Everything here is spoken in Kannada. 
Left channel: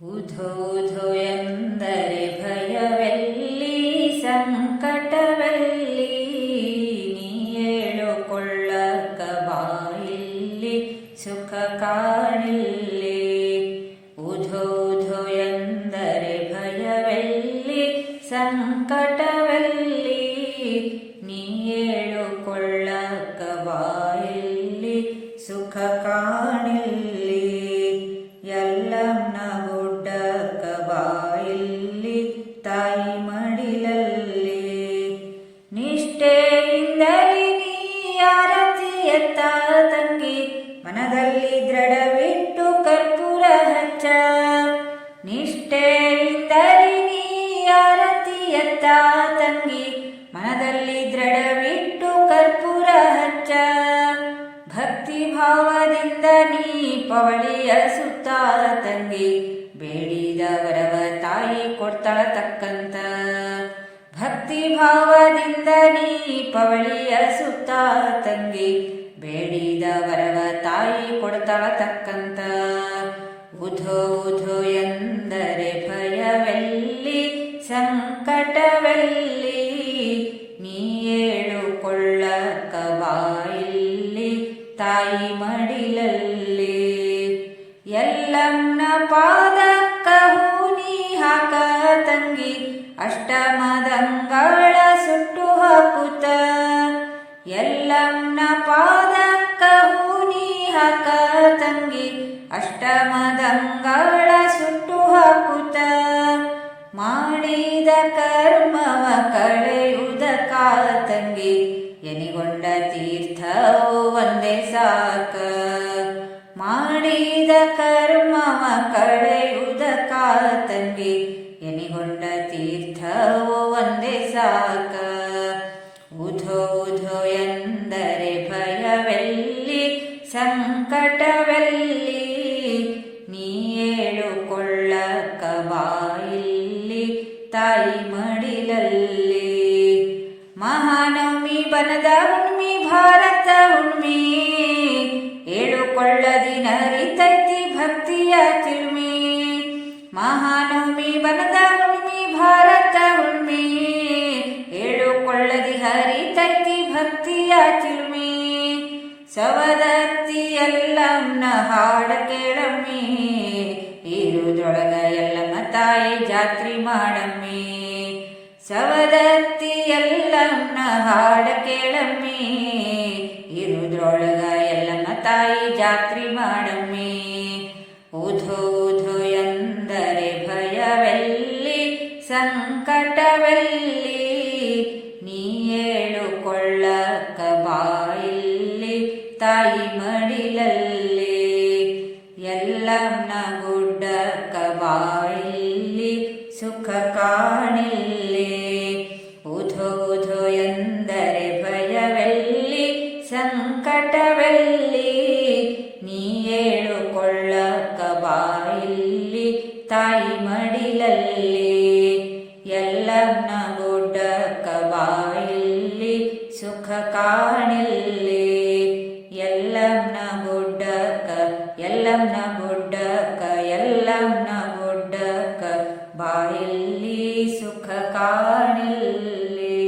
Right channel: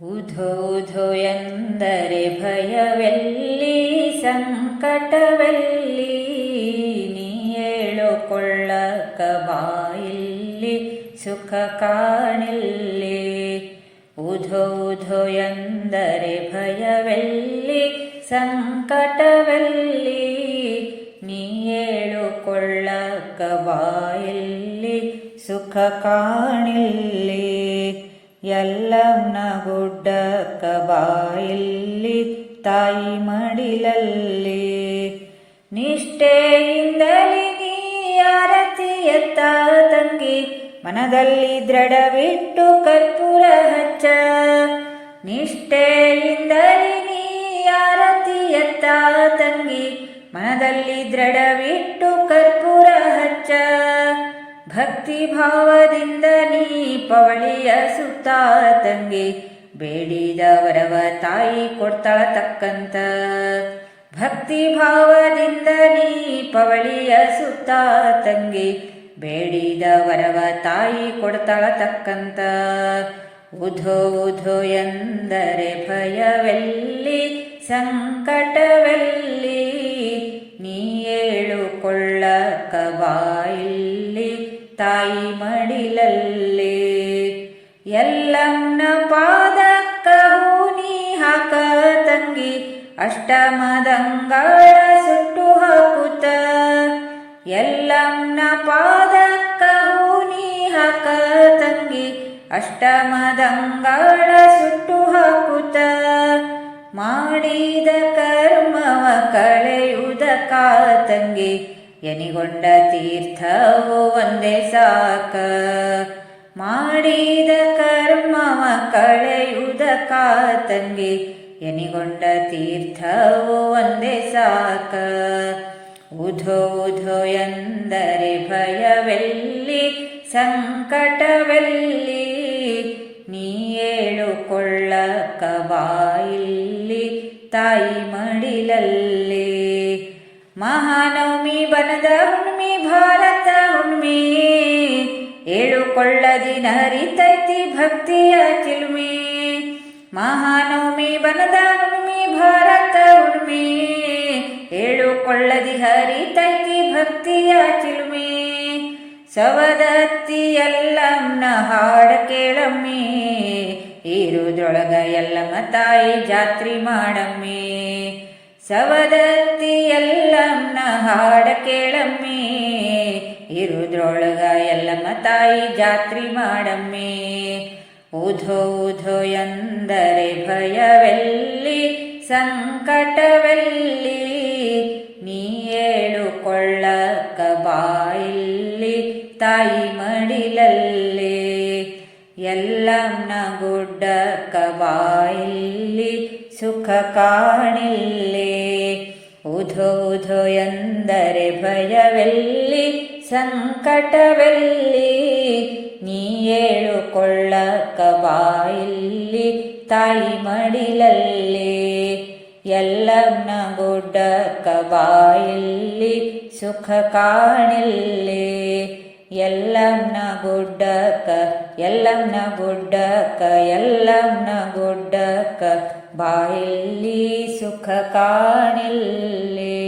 ಉಧೋ ಉಧೋ ಎಂದರೆ ಭಯವೆಲ್ಲಿ ಸಂಕಟವೆಲ್ಲಿ, ನೀ ಹೇಳುಕೊಳ್ಳಕ ಬಾಯಿಲ್ಲಿ ಸುಖ ಕಾಣಿಲ್ಲಿ. ಉಧೋ ಉಧೋ ಎಂದರೆ ಭಯವೆಲ್ಲಿ ಸಂಕಟವೆಲ್ಲಿ, ನೀ ಹೇಳುಕೊಳ್ಳಕ ಬಾಯಿಲ್ಲಿ ಸುಖ ಕಾಣಿಲ್ಲಿ. ಎಲ್ಲಮ್ಮನ ಗುಡ್ಡಕ್ಕ ಬಾಯಿಲ್ಲಿ ತಾಯಿ ಮಡಿಲಲ್ಲಿ, ನಿಷ್ಠೆಯಿಂದಲಿ ನೀ ಆರತಿ ಎತ್ತ ತಂಗಿ, ಮನದಲ್ಲಿ ದೃಢವಿಟ್ಟು ಕರ್ಪೂರ ಹಚ್ಚ. ನಿಷ್ಠೆಯಿಂದಲಿ ನೀ ಆರತಿ ಎತ್ತ ತಂಗಿ, ಮನದಲ್ಲಿ ದೃಢವಿಟ್ಟು ಕರ್ಪೂರ ಹಚ್ಚ. ಭಕ್ತಿ ಭಾವದಿಂದ ನೀ ಪವಳಿಯ ಸುತ್ತ ತಂಗಿ, ಬೇಡಿದ ವರವ ತಾಯಿ ಕೊಡ್ತಾಳ ತಕ್ಕಂತ. ಭಕ್ತಿ ಭಾವದಿಂದ ನೀ ಪವಳಿಯ ಸುತ್ತ ತಂಗಿ, ಬೇಡಿದ ವರವ ತಾಯಿ ಕೊಡ್ತಾಳ ತಕ್ಕಂತ. ಉಧೋ ಉಧೋ ಎಂದರೆ ಭಯವೆಲ್ಲಿ ಸಂಕಟವೆಲ್ಲಿ, ನೀ ಹೇಳುಕೊಳ್ಳಕ ಬಾಯಿಲ್ಲಿ ತಾಯಿ ಮಡಿಲಲ್ಲಿ. ಎಲ್ಲಮ್ಮನ ಪಾದಕ್ಕ ಹೂನಿ ಹಾಕ ತಂಗಿ, ಅಷ್ಟಮದಂಗಳ ಸುಟ್ಟು ಹಾಕುತ್ತ. ಎಲ್ಲಮ್ಮನ ಪಾದಕ್ಕ ಹೂನಿ ಹಾಕ ತಂಗಿ, ಅಷ್ಟಮದಂಗಳ ಸುಟ್ಟು ಹಾಕುತ್ತ. ಮಾಡಿದ ಕರ್ಮವ ಕಳೆಯುವುದಕ್ಕ ತಂಗಿ, ಎನಿಗೊಂಡ ತೀರ್ಥವು ಒಂದೇ ಸಾಕ. ಮಾಡಿದ ಕರ್ಮವ ಕಳೆಯುವುದಕ್ಕ ತಂಗಿ, ಎನಿಗೊಂಡ ತೀರ್ಥವು ಒಂದೇ ಸಾಕ. ಉಧೋ ಉಧೋ ಎಂದರೆ ಭಯವೆಲ್ಲಿ ಸಂಕಟವೆಲ್ಲಿ, ನೀ ಹೇಳುಕೊಳ್ಳಕ ಬಾಯಿಲ್ಲಿ ತಾಯಿ ಮಡಿಲಲ್ಲಿ. ಮಹಾನವಮಿ ಬನದ ಹುಣ್ಮಿ ಭಾರತ ಹುಣ್ಮಿ, ಹೇಳುಕೊಳ್ಳದಿನ ಹರಿತೈತಿ ಭಕ್ತಿಯ ಚಿಲುಮಿ. ಮಹಾನವಮಿ ಬನದ ಹುಣ್ಮಿ ಭಾರತ ಹುಣ್ಮಿ, ಹೇಳುಕೊಳ್ಳದಿ ಹರಿತೈತಿ ಭಕ್ತಿಯ ಚಿಲುಮಿ. ಸವದತ್ತಿ ಎಲ್ಲಮ್ಮನ ಹಾಡ ಕೇಳಮ್ಮಿ, ಇರುದ್ರೊಳಗ ಎಲ್ಲಮ್ಮ ತಾಯಿ ಜಾತ್ರಿ ಮಾಡಮ್ಮಿ. ಸವದತ್ತಿ ಎಲ್ಲಮ್ಮನ ಹಾಡ ಕೇಳಮ್ಮಿ, ಇರುದ್ರೊಳಗ ಎಲ್ಲಮ್ಮ ತಾಯಿ ಜಾತ್ರಿ ಮಾಡಮ್ಮಿ. ಉಧೋ ಉಧೋ ಎಂದರೆ ಭಯವೆಲ್ಲಿ ಸಂಕಟವೆಲ್ಲಿ, ನೀ ಹೇಳುಕೊಳ್ಳಕ ಬಾಯಿಲ್ಲಿ ತಾಯಿ ಮಡಿಲಲ್ಲಿ. ಎಲ್ಲಮ್ಮನ ಗುಡ್ಡಕ್ಕ ಬಾಯಿಲ್ಲಿ ಸುಖ ಕಾಣಿಲ್ಲಿ. ಉಧೋ ಉಧೋ ಎಂದರೆ ಭಯವೆಲ್ಲಿ ಸಂಕಟವೆಲ್ಲಿ, ನೀ ಹೇಳುಕೊಳ್ಳಕ ಬಾಯಿಲ್ಲಿ ತಾಯಿ ಮಡಿಲಲ್ಲಿ. ಎಲ್ಲಮ್ಮನ ಗುಡ್ಡಕ್ಕ ಬಾಯಿಲ್ಲಿ ಸುಖ ಕಾಣಿಲ್ಲಿ. ಎಲ್ಲಮ್ಮನ ಗುಡ್ಡಕ್ಕ ಎಲ್ಲಮ್ಮನ ಗುಡ್ಡಕ್ಕ ಎಲ್ಲಮ್ಮನ ಗುಡ್ಡಕ್ಕ ಬಾಯಿಲ್ಲಿ ಸುಖ ಕಾಣಿಲ್ಲಿ.